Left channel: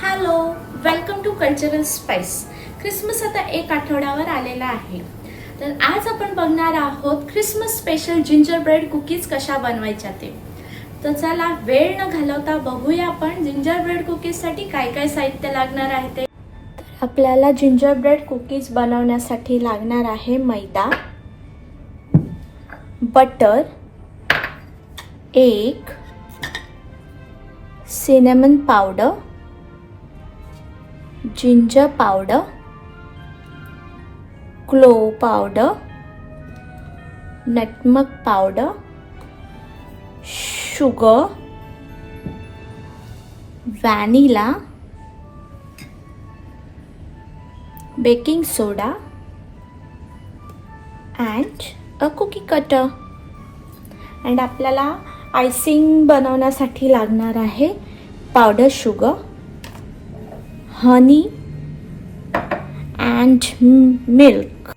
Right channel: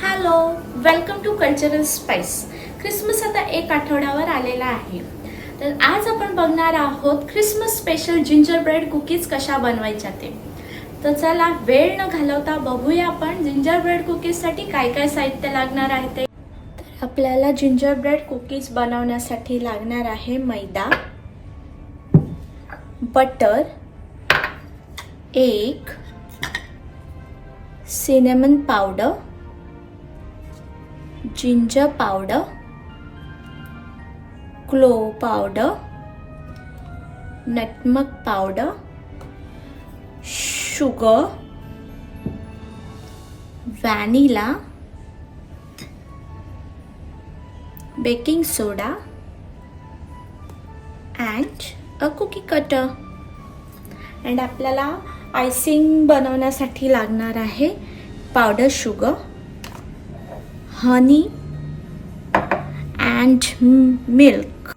Hello welcome to cultural spice Christmas आता एक आठवड्यावर आलेला आहे. तर आज आपण बघणार आहोत Christmas special ginger bread cookies कशा बनवायच्या ते. तर चला वेळ न घालवता बघूया आपण जिंजर ब्रेड कुकीजसाठी काय काय साहित्य लागणार आहे ते. आपल्याला जिंजर ब्रेड कुकीज बनवण्यासाठी लागणार आहे मैदा बटर एक cinnamon powder ginger powder clove powder nutmeg powder sugar vanilla baking soda and a cookie cutter and आपल्याला आयसिंग बनवण्यासाठी लागणार आहे powder sugar honey and milk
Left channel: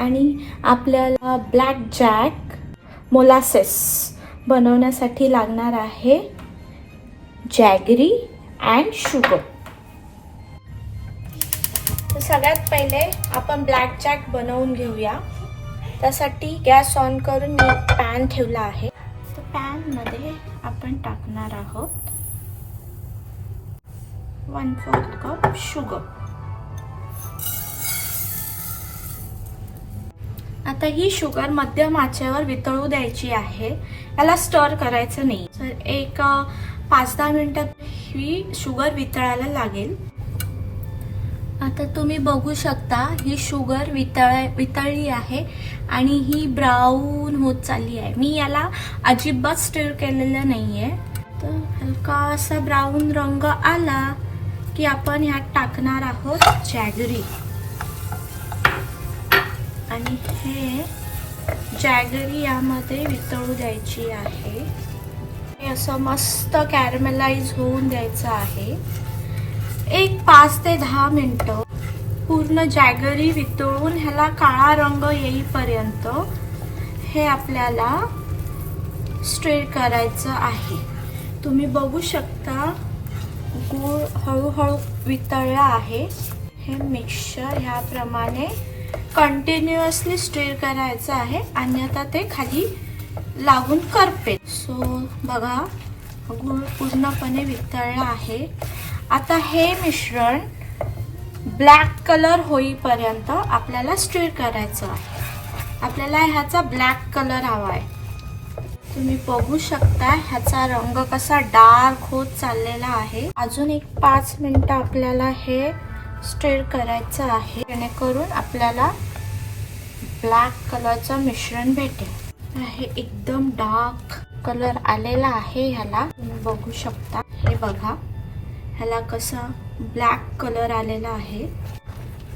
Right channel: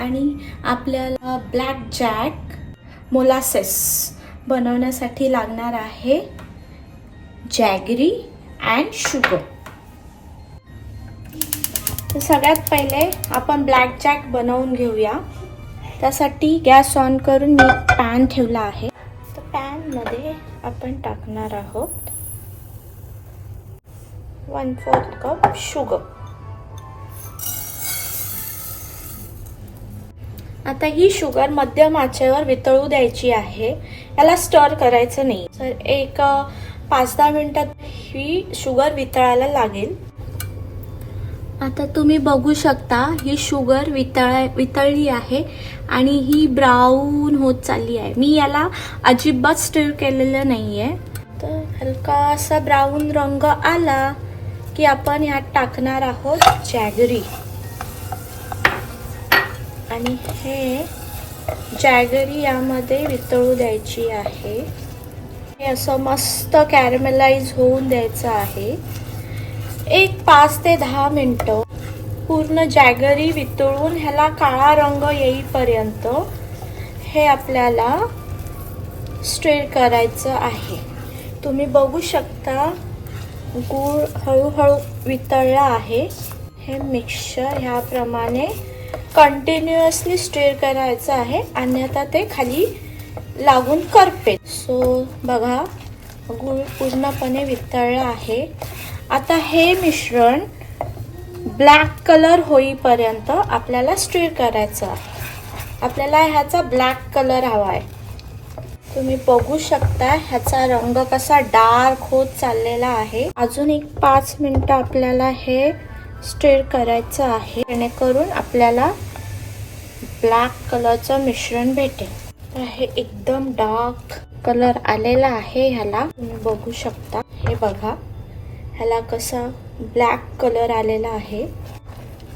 आणि आपल्याला ब्लॅक जॅक मोलासेस बनवण्यासाठी लागणार आहे जॅगरी अँड शुगर सगळ्यात पहिले आपण ब्लॅक जॅक बनवून घेऊया. त्यासाठी गॅस ऑन करून मी पॅन ठेवला आहे. तर पॅनमध्ये आपण टाकणार आहोत. वन फोर्थ cup शुगर आता ही शुगर मध्यम आचेवर वितळू द्यायची आहे. याला स्टर करायचं नाही. तर एक पाच दहा मिनिटात ही शुगर वितळायला लागेल. आता तुम्ही बघू शकता ही शुगर वितळ वितळली आहे आणि ही ब्राऊन होत चालली आहे. मी याला अजिबात स्टिर केलेलं नाही आहे तर हलकासा ब्राऊन रंग आला. की आपण ह्यात टाकणार आहोत जॅगरी आणि हे जॅगरी यामध्ये वितळू द्यायची आहे. हे असं मस्त कॅरमेलाइज होऊन द्यायचं आहे. एक पाच ते दहा मिनटं पूर्ण जॅगरी वितळून ह्याला काळा रंग येईपर्यंत हे आपल्याला स्ट्रेट करायचं आहे. तुम्ही बघू शकता गूळ हळूहळू वितळला आहे. हे मिक्सचर ह्याप्रमाणे कंटिन्युअसली स्टीर करायचं आहे. अन्यथा ते खाली लागून करपे सो बघा गूळ पूर्णपणे वितळला आहे. आता हे मिश्रण ब्लॅक कलर होईपर्यंत आपल्याला स्टीर करायचं आहे. आपल्याला ह्याचा ब्लॅक कलर हवा आहे. तुम्ही बघू शकता ह्याचा रंग कसा डार्क होत चाललेला आहे. अजून एक पाच मिनिट आपल्याला हे स्टेर करायचं आहे. जेणेकरून आपल्याला ब्लॅक कलरचं मिश्रण भेटेल. हे एकदम डार्क कलर आलेला आहे ह्याला. तुम्ही बघू शकता. हे बघा. ह्याला कसा ब्लॅक कलर आलेला आहे.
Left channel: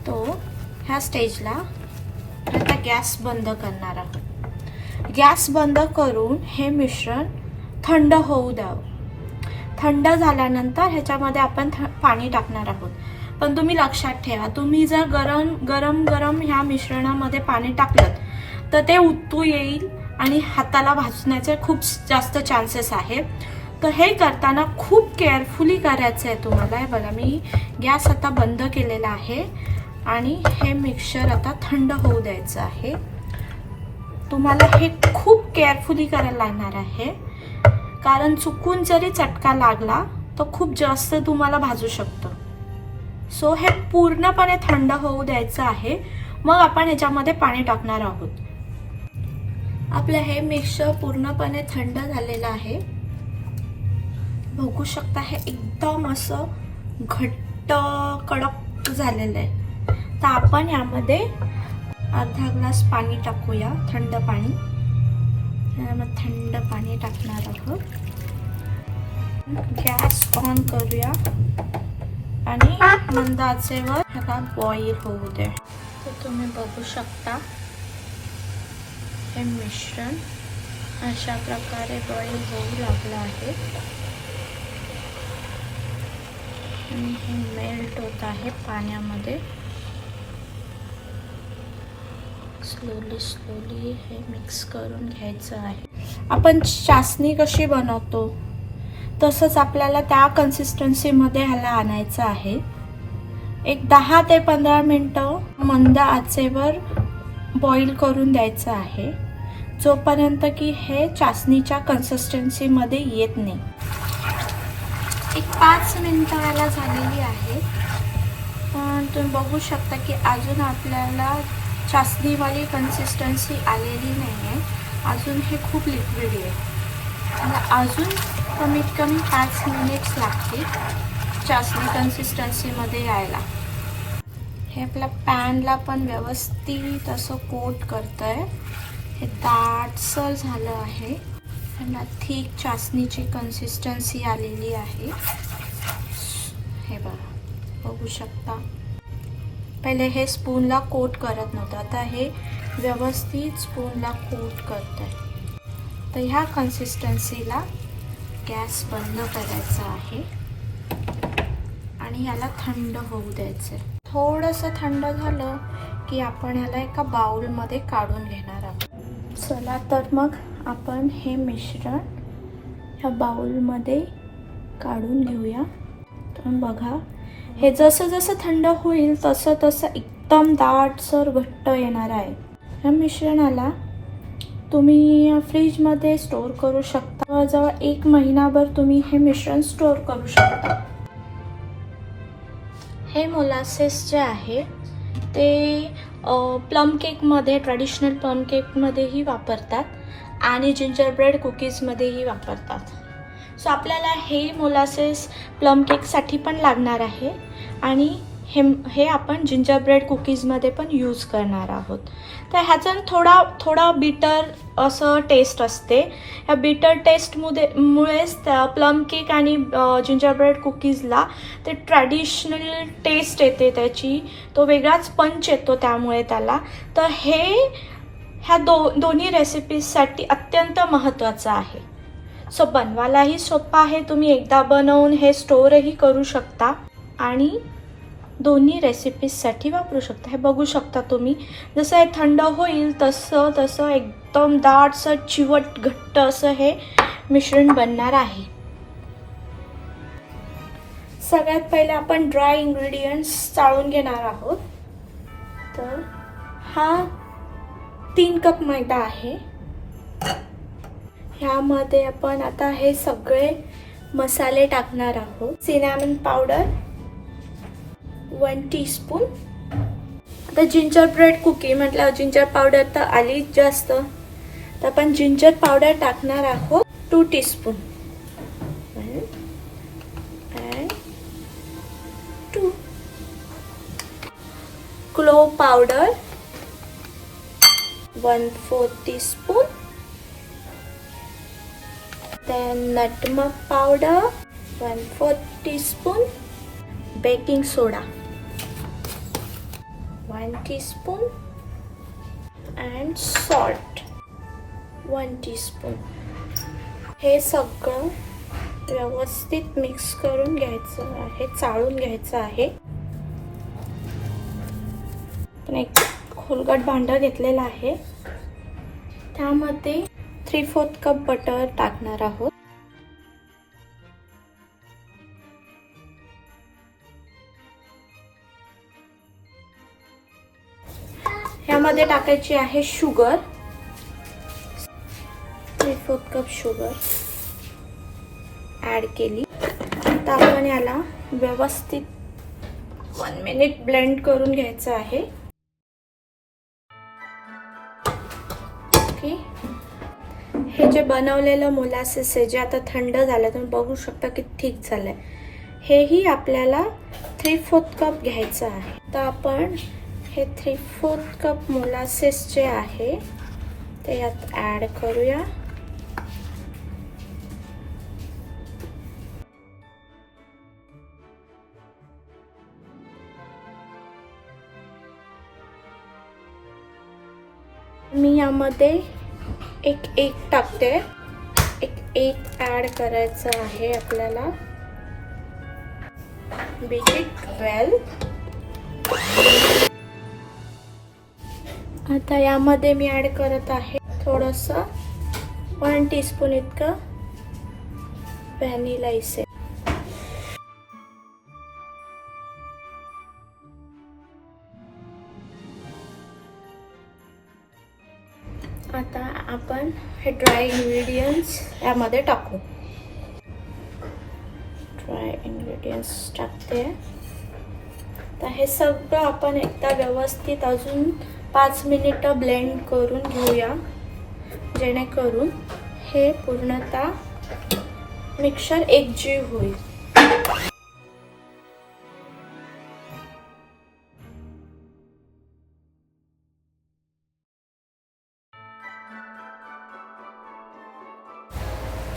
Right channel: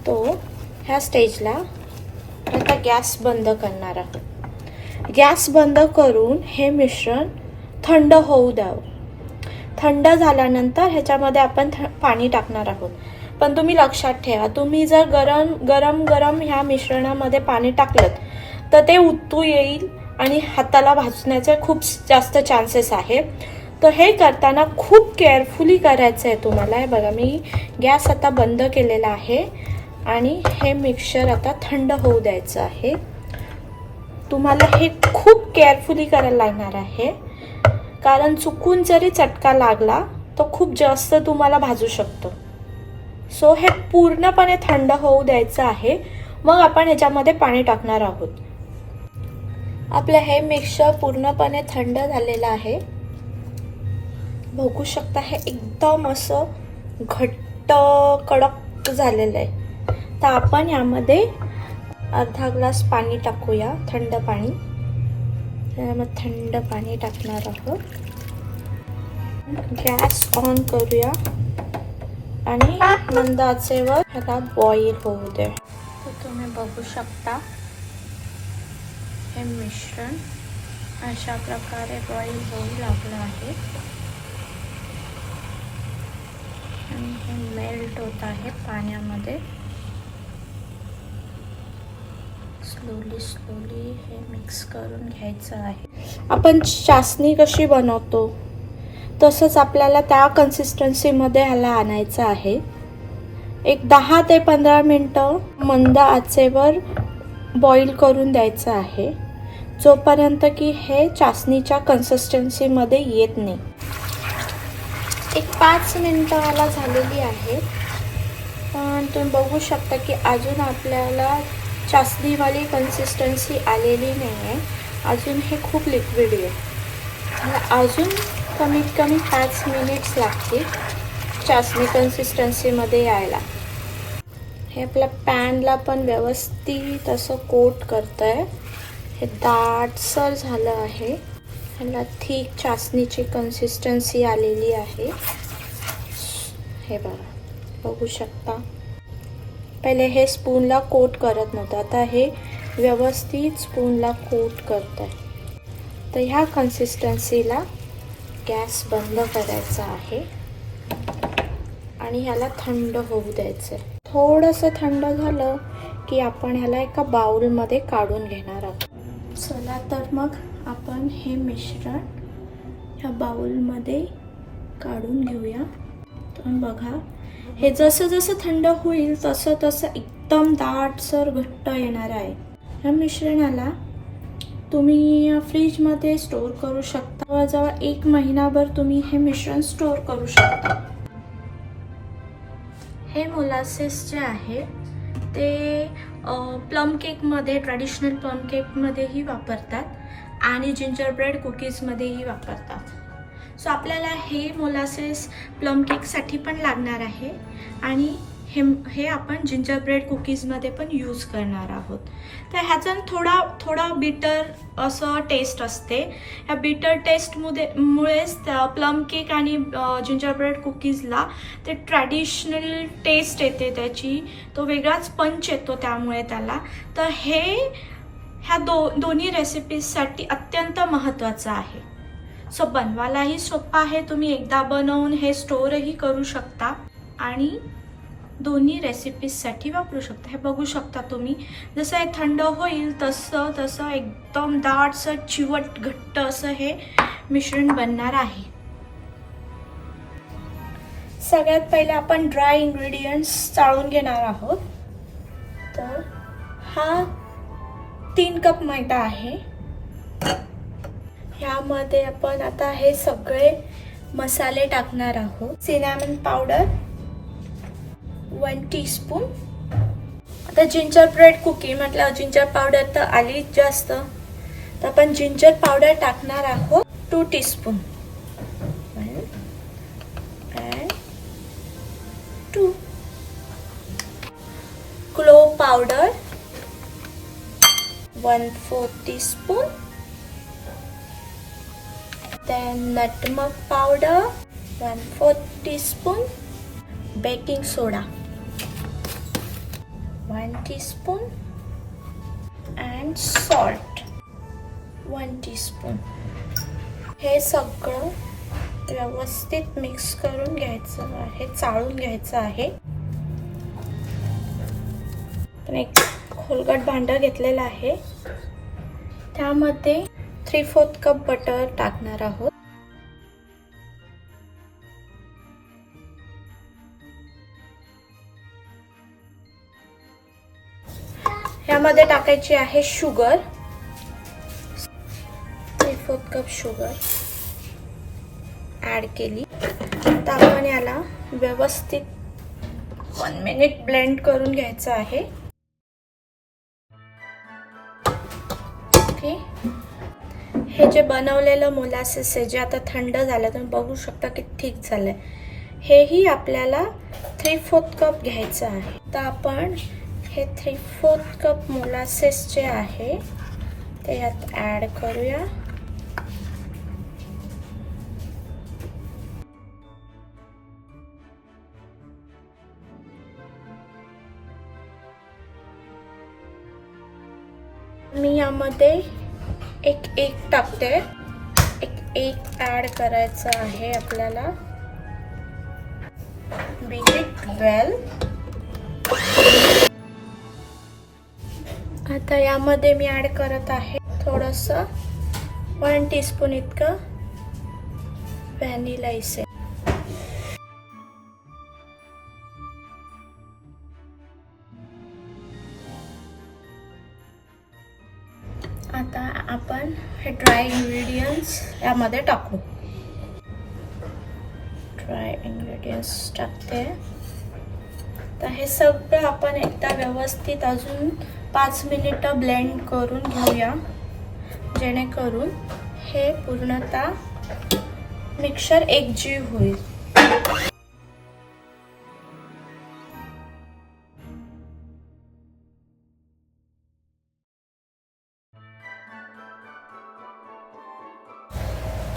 तो ह्या स्टेजला आता गॅस बंद करणार आहोत. गॅस बंद करून हे मिश्रण थंड होऊ द्यावं. थंड झाल्यानंतर ह्याच्यामध्ये आपण थ- पाणी टाकणार आहोत. पण तुम्ही लक्षात ठेवा तुम्ही जर गरम गरम गरम ह्या मिश्रणामध्ये पाणी टाकलं तर ते उत्तू येईल आणि हाताला भाजण्याचे खूप जास्त चान्सेस आहे. तर हे करताना खूप केअरफुली करायचं आहे तुम्हाला. हे बघा मी गॅस आता बंद केलेला आहे आणि हे मिक्सर आता थंड होऊ द्यायचं आहे. तुम्हाला हे खूप केअरफुली करायला लागणार आहे. कारण चुकून जरी चटका लागला तर खूप जास्त तुम्हाला भाजू शकतो. सो हे पूर्णपणे थंड होऊ द्यायचं आहे. मग आपण ह्याच्यामध्ये पाणी टाकणार आहोत. आपलं हे मिक्सर पूर्णपणे थंड झालेलं आहे. बघू शकता हे एकदम असं घट्ट कडक झालेलं आहे. तर आपण ह्यामध्ये अर्धा ग्लास पाणी टाकूया थंड पाणी. मग थंड पाणी टाकणार आहोत. गॅस ऑन करूया. आणि मंद आचेवर ह्याला बॉईल होऊ दे. तर तुम्ही बघू शकता हे मिश्रण अशा प्रकारे बॉईल होऊ लागलं आहे. आणि हे मेल्ट होत आहे पाण्यामध्ये. स्लोली स्लोली हे मिक्स करून घ्यायचं आहे. आपण चासणी कशी बनवतो? तसंच आपल्याला त्या कन्सिस्टन्सीमध्ये ह्याला आणायचं आहे. एक दहा ते पंधरा मिनटं मंद आचेवर बॉईल करून द्यायचं आहे. जोपर्यंत की हे चासणीच्या कन्सिस्टन्सीमध्ये येत नाही. एक पाच मिनटं ह्याला झालेली आहे. तुम्ही बघू शकता की अजून आपल्याला चासणीवाली कन्सिस्टन्सी आलेली नाही आहे अजून हे खूप लिक्विड आहे. मला अजून कमीत कमी पाच मिनिट्स लागतील चासणी कन्सिस्टन्सीमध्ये यायला. हे आपल्या पॅनला पण व्यवस्थित असं कोट करतं आहे हे दाटसर झालं आहे. ह्याला थिक चासणीची कन्सिस्टन्सी आलेली आहे. हे बघा. बघू शकता. पहिले हे स्पूनला कोट करत नव्हतं. आता हे व्यवस्थित स्पूनला कोट करत आहे तर ह्या कन्सिस्टन्सीला गॅस बंद करायचा आहे. आणि ह्याला थंड होऊ द्यायचं आहे थोडंसं थंड झालं की आपण ह्याला एका बाउलमध्ये काढून घेणार आहोत. चला तर मग आपण हे मिश्रण ह्या बाउलमध्ये काढून घेऊया. तर बघा. हे जसं जसं थंड होईल तसं तसं एकदम दाटसर घट्ट येणार आहे. या मिश्रणाला तुम्ही फ्रीजमध्ये स्टोर करू शकता. जवळजवळ एक महिनाभर तुम्ही हे मिश्रण स्टोअर करू शकता. हे मोलासेस जे आहे ते प्लम केकमध्ये ट्रॅडिशनल प्लम केकमध्येही वापरतात आणि जिंजर ब्रेड कुकीजमध्येही वापरतात. सो आपल्याला हे मोलासेस प्लम केकसाठी पण लागणार आहे. आणि हे हे आपण जिंजर ब्रेड कुकीजमध्ये पण यूज करणार आहोत. तर ह्याचं थोडा थोडा बिटर असं टेस्ट असते. ह्या बिटर टेस्टमुळे मुळेच त्या प्लम केक आणि जिंजर ब्रेड कुकीजला ते ट्रॅडिशनल टेस्ट येते त्याची. तो वेगळाच पंच येतो त्यामुळे त्याला. तर हे ह्या दो दोन्ही रेसिपीजसाठी अत्यंत महत्त्वाचं आहे. सो बनवायलाही सोपं आहे. तुम्ही एकदा बनवून हे स्टोअरही करू शकता. आणि दोन्ही रेसिपीजसाठी वापरू शकता. हे बघू शकता तुम्ही. जसं हे थंड होईल तसं तसं एकदम दाटसं चिवट घट्ट असं हे मिश्रण बनणार आहे. सगळ्यात पहिले आपण ड्राय इन्ग्रेडियंट्स चाळून घेणार आहोत. तर हा तीन कप मैदा आहे. ह्यामध्ये आपण आता हे सगळे मसाले टाकणार आहोत. सिनॅमन पावडर वन टीस्पून आता जिंजर ब्रेड कुकी म्हटलं जिंजर पावडर तर आलीच जास्त. तर आपण जिंजर पावडर टाकणार आहोत two teaspoon two clove powder one fourth teaspoon then nutmeg powder. 1 4 teaspoon. Baking soda. 1 teaspoon and salt. 1 teaspoon. हे सगळं व्यवस्थित मिक्स करून घ्यायचं आहे चाळून घ्यायचं आहे. पण एक खोलगट भांडं घेतलेलं आहे. त्यामध्ये थ्री फोर्थ कप बटर टाकणार आहोत. ह्यामध्ये टाकायची आहे sugar. Three fourth cup sugar add केली. आता आपण याला व्यवस्थित वन मिनिट ब्लेंड करून घ्यायचं आहे. ओके हे जे बनवलेलं मोलासेस आहे जे आता थंड झालं तुम्ही बघू शकता की ठीक झालंय. हेही आपल्याला थ्री फोर्थ कप घ्यायचं आहे. तर आपण हे थ्री फोर्थ कप मोलासेस जे आहे ते यात ॲड करूया. मी यामध्ये एक एक टाकते. एक एक ॲड करायचं आहे आपल्याला. बीट इट वेल आता यामध्ये मी ॲड करत आहे थोडंसं वन टीस्पून इतकं व्हॅनिला इसेन्स आता आपण हे ड्राय इन्ग्रेडियंट्स यामध्ये टाकू. ड्राय इन्ग्रेडियंट्स टाकते. तर हे सगळं आपण एकदा व्यवस्थित अजून पाच मिनिटं ब्लेंड करून घेऊया. जेणेकरून हे पूर्णतः मिक्सर एकजीव होईल.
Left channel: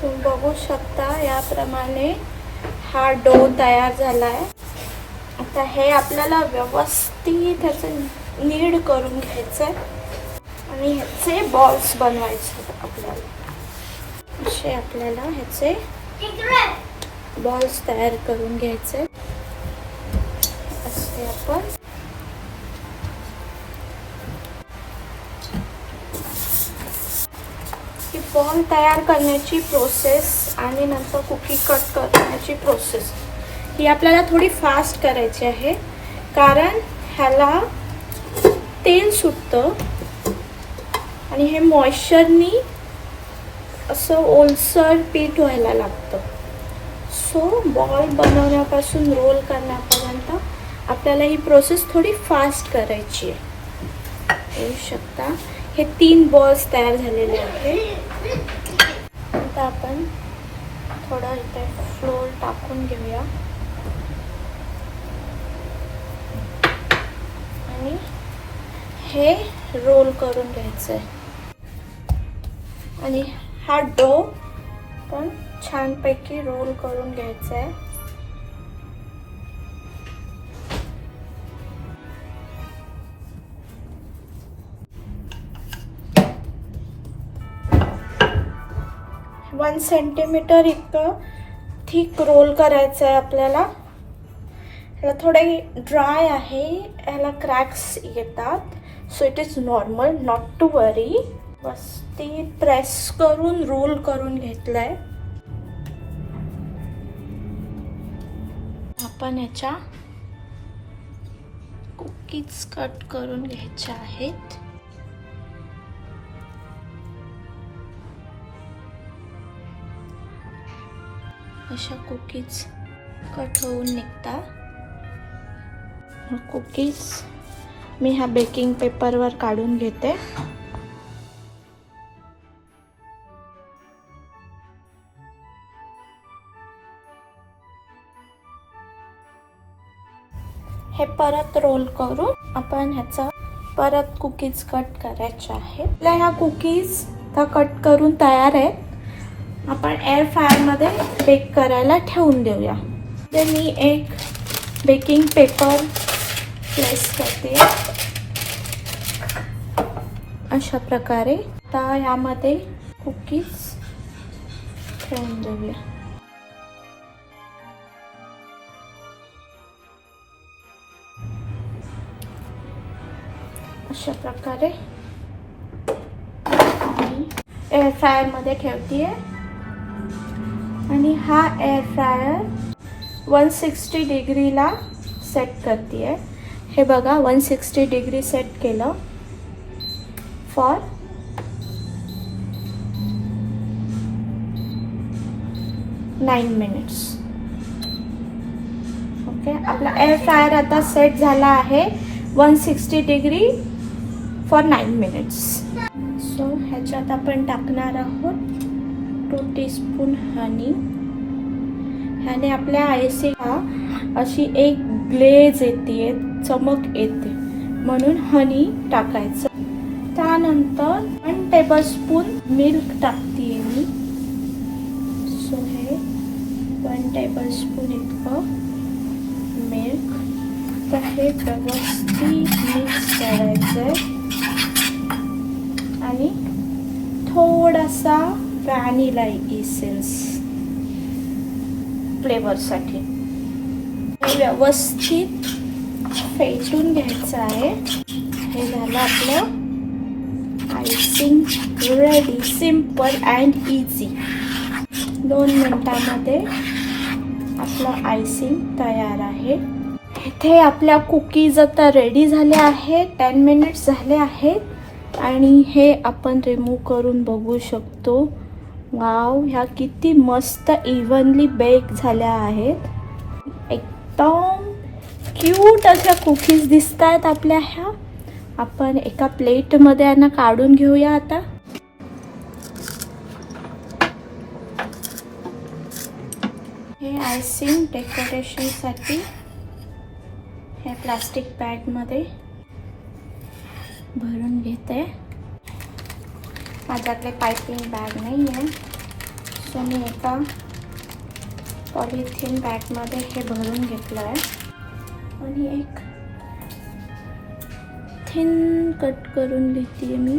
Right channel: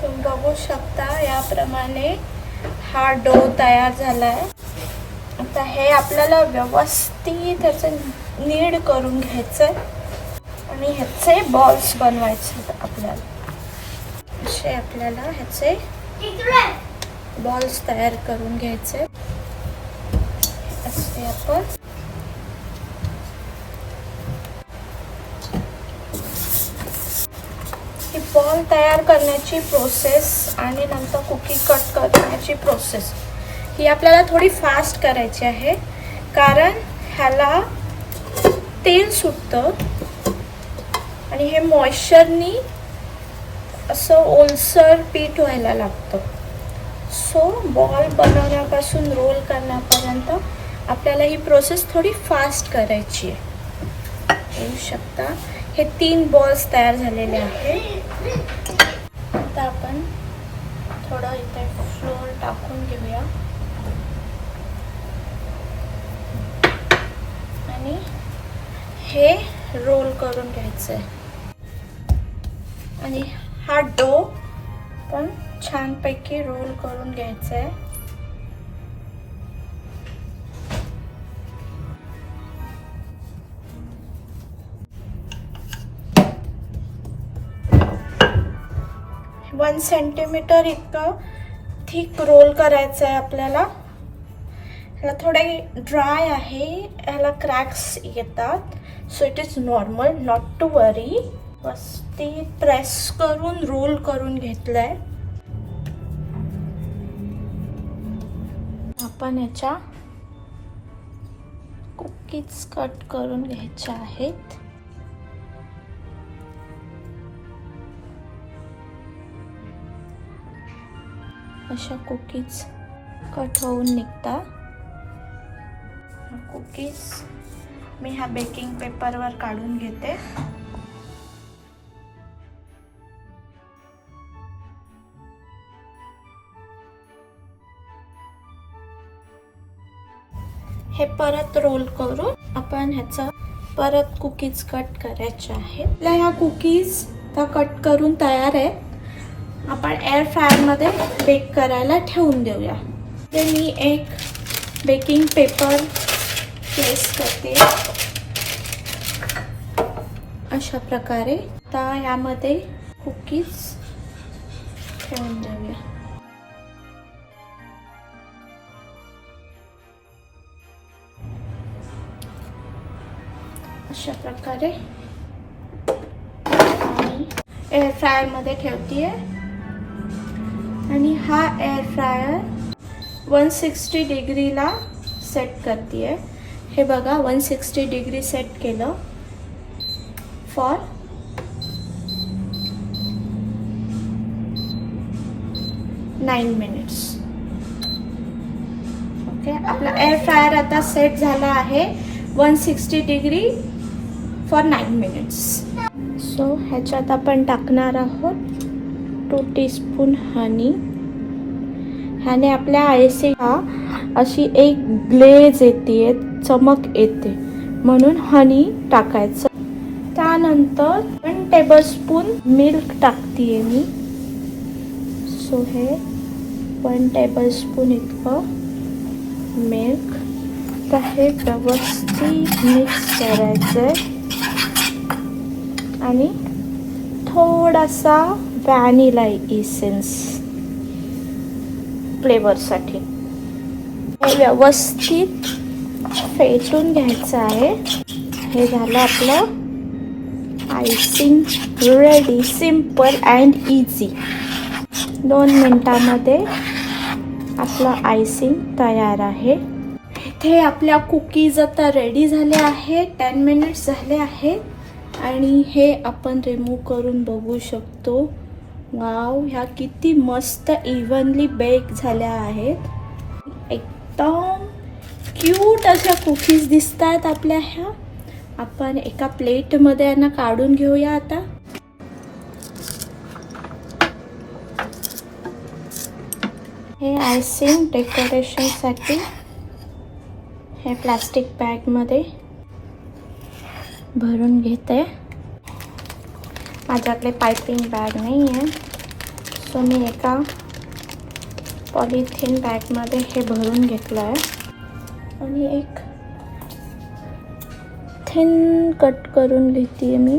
तुम्ही बघू शकता याप्रमाणे हा डो तयार झालाय. आता हे आपल्याला व्यवस्थित ह्याचं नीड करून घ्यायचं आणि ह्याचे बॉल्स बनवायचे आपल्याला. असे आपल्याला ह्याचे बॉल्स तयार करून घ्यायचे असे आपण ही बॉल तयार करण्याची प्रोसेस आणि नंतर कुकी कट करण्याची प्रोसेस ही आपल्याला थोडी फास्ट करायची आहे. कारण ह्याला तेल सुटतं. आणि हे मॉइश्चरनी असं ओलसर पीठ व्हायला लागतं. सो बॉल बनवण्यापासून रोल करण्यापर्यंत आपल्याला ही प्रोसेस थोडी फास्ट करायची आहे. येऊ शकता? हे तीन बॉल्स तयार झालेले आहेत. आता आपण थोडं इथे फ्लोर टाकून घेऊया आणि हे रोल करून घ्यायचं आहे आणि हा डो पण छानपैकी रोल करून घ्यायचा आहे वन सेंटीमीटर इतकं थिक रोल करायचं आहे आपल्याला. ह्याला थोडे ड्राय आहे ह्याला क्रॅक्स येतात. So it is normal not to worry बस ती प्रेस करून रोल करून घेतलंय. आपण याच्या कुकीज कट करून घ्यायच्या आहेत. अशा कुकीज कट होऊन निघता कुकीज मी ह्या बेकिंग पेपरवर काढून घेते. हे परत रोल करून आपण ह्याचा परत कुकीज कट करायचे आहे आपल्या ह्या कुकीज त्या कट करून तयार आहेत. आपण एअर फ्रायरमध्ये बेक करायला ठेवून देऊया. ते मी एक बेकिंग पेपर प्लेस करते. अशा प्रकारे. आता यामध्ये कुकीज ठेवून देऊया. अशा प्रकारे. आणि एअर फ्रायरमध्ये ठेवते आणि हा एअर फ्रायर वन सिक्स्टी डिग्रीला सेट करते आहे हे बघा वन सिक्स्टी डिग्री सेट केलं. फॉर नाईन मिनिट्स ओके आपला एअर फ्रायर आता सेट झाला आहे. One sixty degree for nine minutes so ह्याच्यात आपण टाकणार आहोत टू टीस्पून हनी ह्याने आपल्या आयसीला अशी एक ग्लेज येते चमक येते. म्हणून हनी टाकायचं. त्यानंतर वन टेबलस्पून मिल्क टाकते मी. सो हे वन टेबलस्पून इतकं मिल्क तर हे व्यवस्थित मिक्स करायचं आणि थोडासा व्हॅनिला इसेन्स फ्लेवरसाठी व्यवस्थित फेटून घ्यायचं आहे. हे झालं आपलं icing ready simple and easy दोन मिनटामध्ये आपलं आयसिंग तयार आहे. इथे आपल्या कुकीज आता रेडी झाल्या आहेत. टेन मिनिट्स झाले आहेत. आणि हे आपण रिमूव्ह करून बघू शकतो. वाव ह्या किती मस्त इव्हनली बेक झाल्या आहेत. एकदम क्यूट अशा कुकीज दिसत आहेत आपल्या ह्या. आपण एका प्लेटमध्ये यांना काढून घेऊया आता. हे आयसिंग डेकोरेशनसाठी हे प्लास्टिक बॅगमध्ये भरून घेते. माझ्याकडे पायपिंग बॅग नाही आहे सो मी एका पॉलिथिन बॅगमध्ये हे भरून घेतलं आहे आणि एक थिन कट करून घेते मी.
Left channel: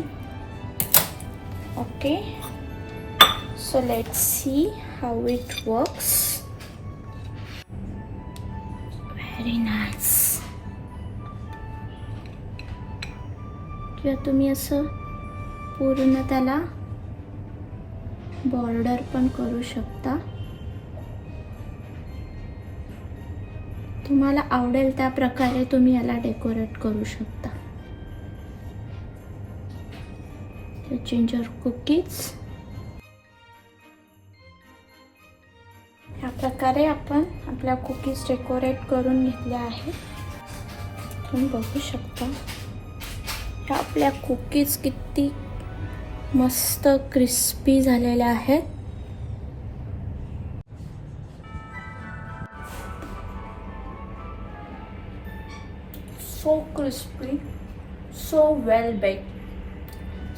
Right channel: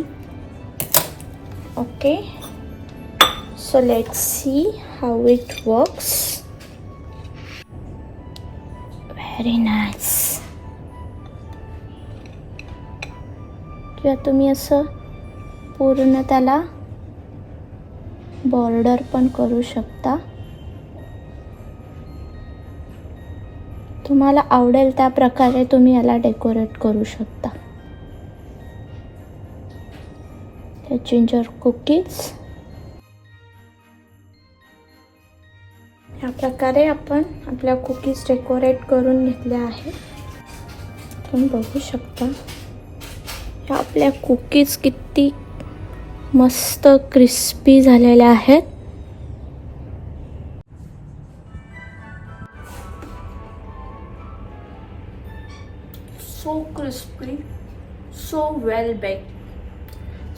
Okay so let see how it works very nice किंवा तुम्ही असं पूर्ण त्याला बॉर्डर पण करू शकता. तुम्हाला आवडेल त्या प्रकारे तुम्ही याला डेकोरेट करू शकता. जिंजर कुकीज ह्या प्रकारे आपण आपल्या कुकीज डेकोरेट करून घेतल्या आहेत. तुम्ही बघू शकता. ह्या आपल्या कुकीज किती मस्त क्रिस्पी झालेल्या आहेत. So crispy so well bake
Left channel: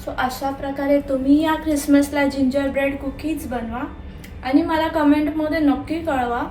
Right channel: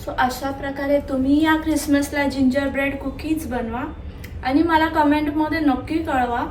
so अशा प्रकारे तुम्ही या क्रिसमसला जिंजर ब्रेड कुकीज बनवा. आणि मला कमेंटमध्ये नक्की कळवा